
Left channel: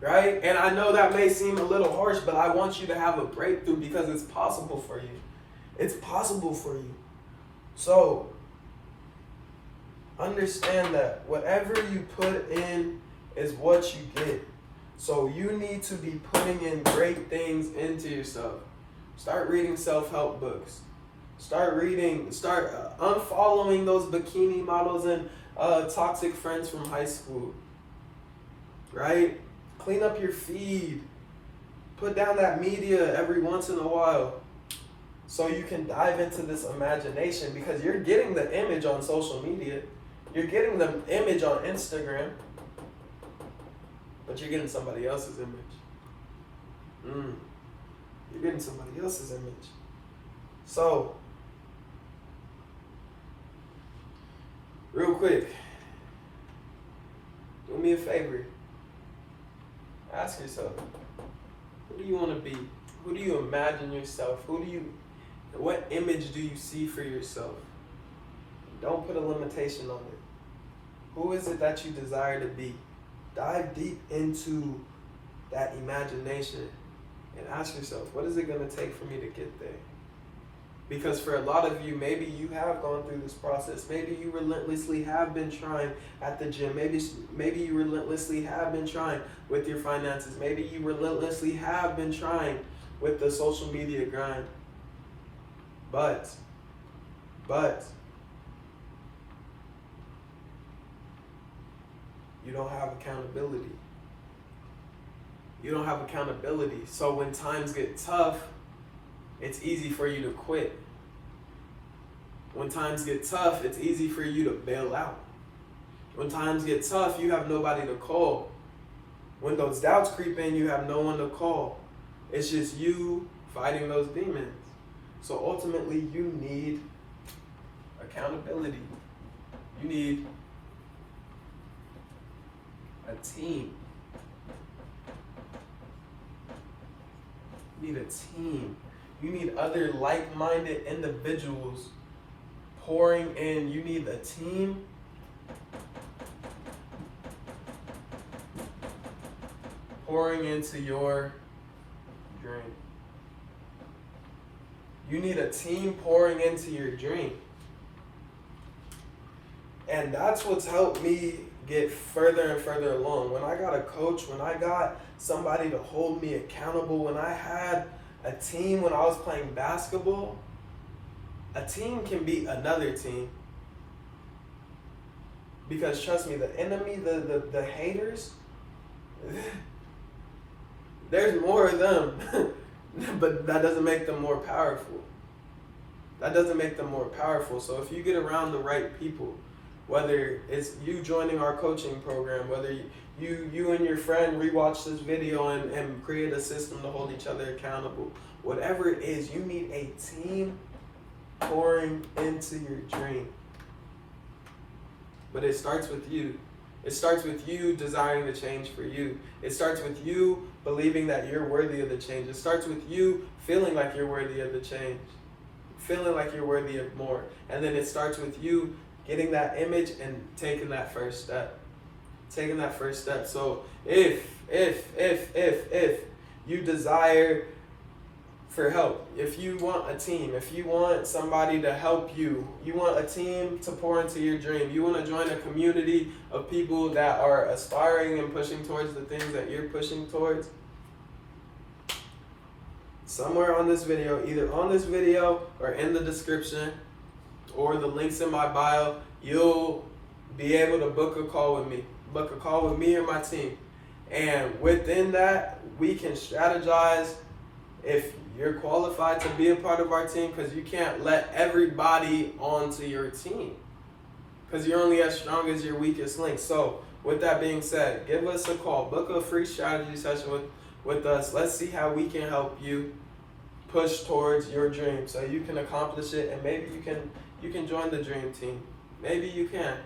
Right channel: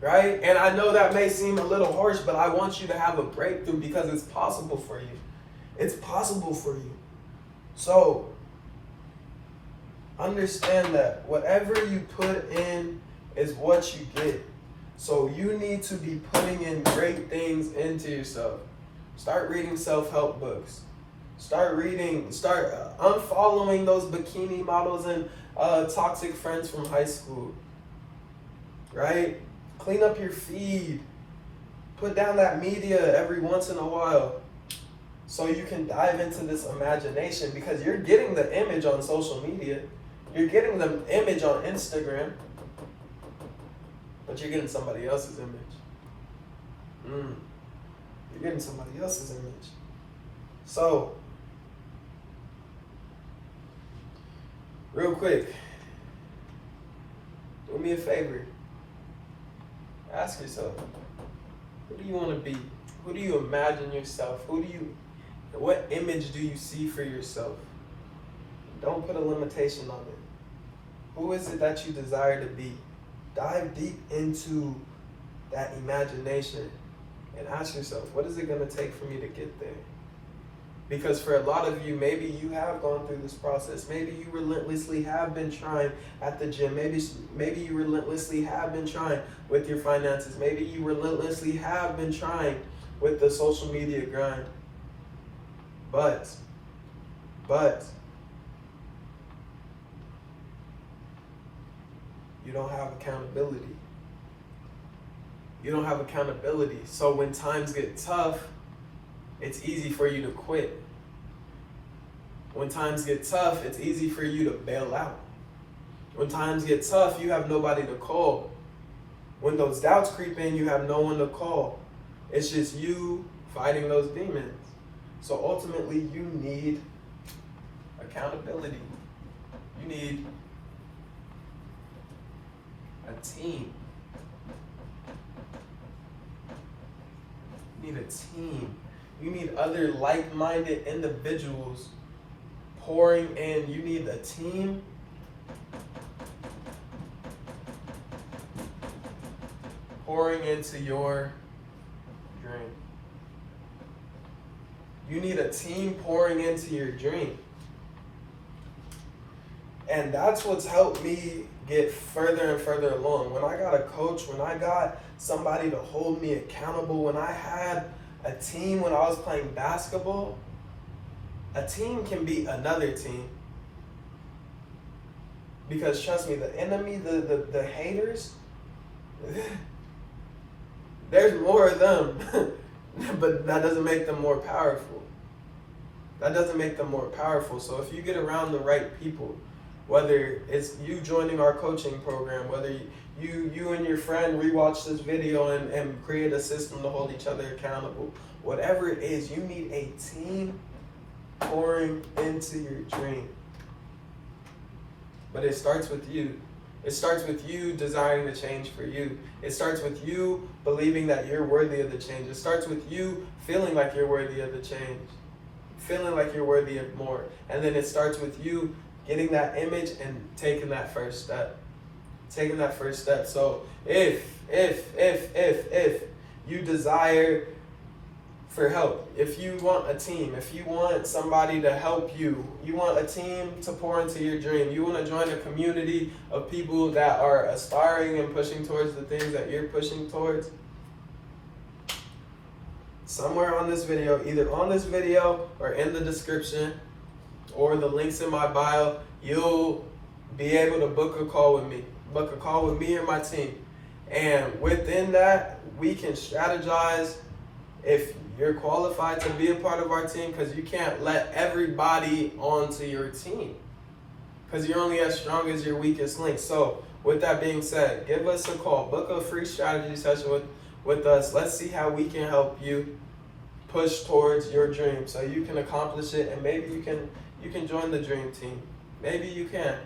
Right? And I know that may seem a little harsh, but I want you to have a breakthrough because it's possible for you. It's possible for you. So, understand that whatever you put in is what you get. So you need to be putting in great things into yourself. Start reading self-help books. Start unfollowing those bikini models and toxic friends from high school. Right? Clean up your feed. Put down that media every once in a while so you can dive into this imagination, because you're getting the image on social media. You're getting the image on Instagram, but you're getting somebody else's image. You're getting somebody else's image. So, real quick, do me a favor. Ask yourself, who do you want to be? Who do you imagine yourself? What image do you see for yourself? Don't put a limitation on it. Who is it that you desire to be? Dive deep into that imagination and ask yourself, what is it going to take for me to get there? Because for a lot of you, maybe you have gone through this process. Maybe you relentlessly have been trying at the gym. Maybe you relentlessly have been trying with your finances. Maybe you relentlessly have been trying with the social media grind. But, you don't have accountability. You don't have accountability. So when times get tough, it's easy for you to quit. When times get tough, it's easy for you to bail out. When times get tough, you have nobody to call. When those doubts creep in, you have no one to call. It's just you fighting those demons. So ultimately, you need accountability. You need a team. You need a team. You need other like-minded individuals pouring in. You need a team pouring into your dream. You need a team pouring into your dream. And that's what's helped me get further and further along. When I got a coach, when I got somebody to hold me accountable, when I had a team when I was playing basketball, a team can beat another team. Because trust me, the enemy, the haters, there's more of them. But that doesn't make them more powerful. That doesn't make them more powerful. So if you get around the right people, whether it's you joining our coaching program, whether you and your friend rewatch this video and create a system to hold each other accountable, whatever it is, you need a team pouring into your dream. But it starts with you. It starts with you desiring the change for you. It starts with you believing that you're worthy of the change. It starts with you feeling like you're worthy of the change. Feeling like you're worthy of more. And then it starts with you getting that image and taking that first step. Taking that first step. So if you desire for help, if you want a team, if you want somebody to help you, you want a team to pour into your dream, you want to join a community of people that are aspiring and pushing towards the things that you're pushing towards, somewhere on this video, either on this video or in the description or the links in my bio, you'll be able to book a call with me. Book a call with me and my team. And within that, we can strategize if you're qualified to be a part of our team, because you can't let everybody onto your team, because you're only as strong as your weakest link. So with that being said, give us a call, book a free strategy session with us. Let's see how we can help you push towards your dream so you can accomplish it, and maybe you can join the dream team. Maybe you can,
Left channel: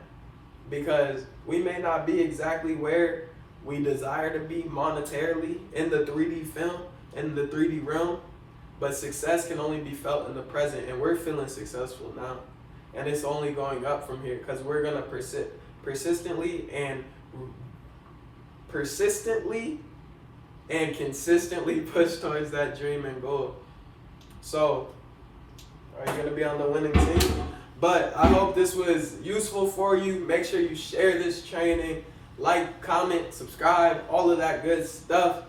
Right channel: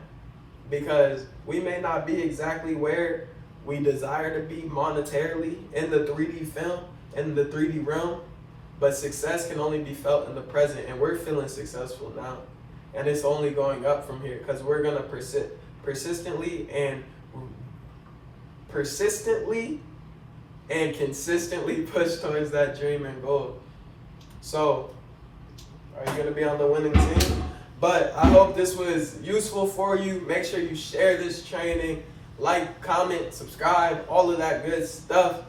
because we may not be exactly where we desire to be monetarily in the 3D film, in the 3D realm, but success can only be felt in the present, and we're feeling successful now. And it's only going up from here, because we're going to persistently and consistently push towards that dream and goal. So, are you going to be on the winning team? But I hope this was useful for you. Make sure you share this training, like, comment, subscribe, all of that good stuff,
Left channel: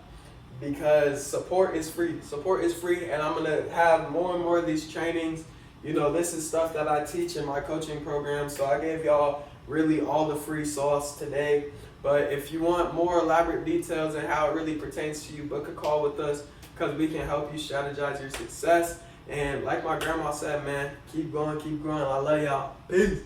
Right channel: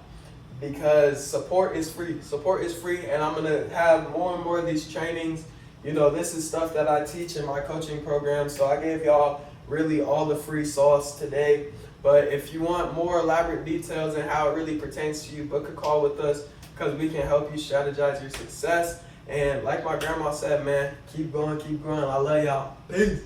because support is free. Support is free, and I'm going to have more and more of these trainings. You know, this is stuff that I teach in my coaching program, so I gave y'all really all the free sauce today. But if you want more elaborate details and how it really pertains to you, book a call with us, because we can help you strategize your success. And like my grandma said, man, keep going, keep growing. I love y'all. Peace.